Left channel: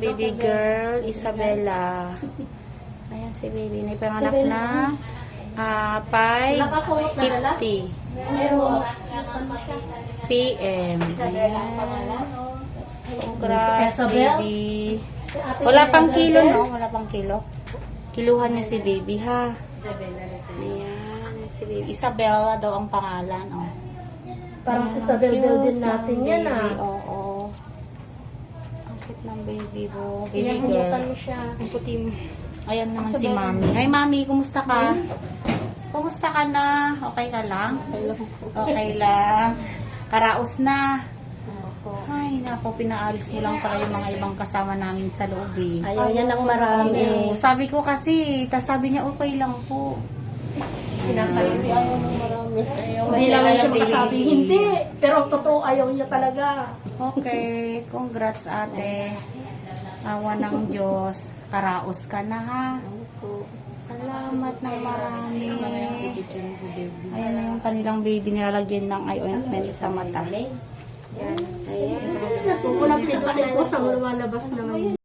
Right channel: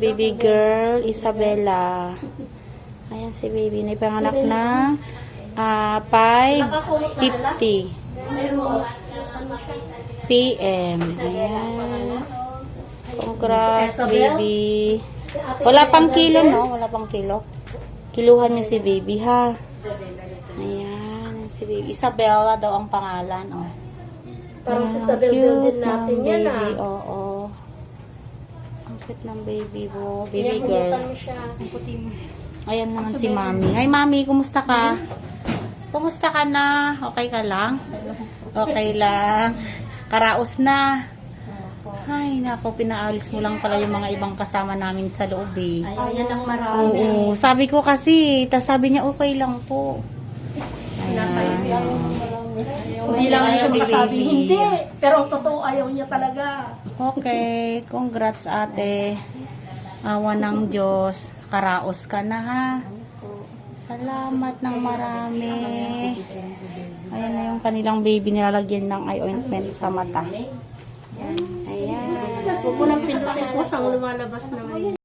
baby girl, Isabella. Ayan si baby. Naipanganak na 5:50 PM. Ayan. Congrats, baby. Wala pang kilo, no? Wala pang kilo. Kiluhan niya si baby, ha? Ayan, si baby. Isabella daw ang pangalan, oh. Parang sa Isabel din natin yan, baby. ah. Oo. Ang cute ng baby mo. Baby girl. mo siya. Ayan naman si mami. Hi, mami. Kumusta ka? Kumusta ka na? Okay ka lang? Okay lang. Karaos na. Ay, naku, pinaalis mo lang pala yung mga ibang kasama namin sa loob, eh. Ayaw niya ng marami. Oo, sabi ko kasi, tas sabi niya okay lang po. Ayaw niya ng marami. Hindi Kasi lang ayaw siya ni makasabi, baby. hindi. Pero ang totoo, ayaw niya talaga. Okay, congrats ate. Awa ng Diyos. Karaos ka na, ha? Salamat ng marami. Ayan na yung kanilang baby, nilalagyan ng eye ointment sa mata. Ayan. Kukulang sa takip mo sa lumalabas naman.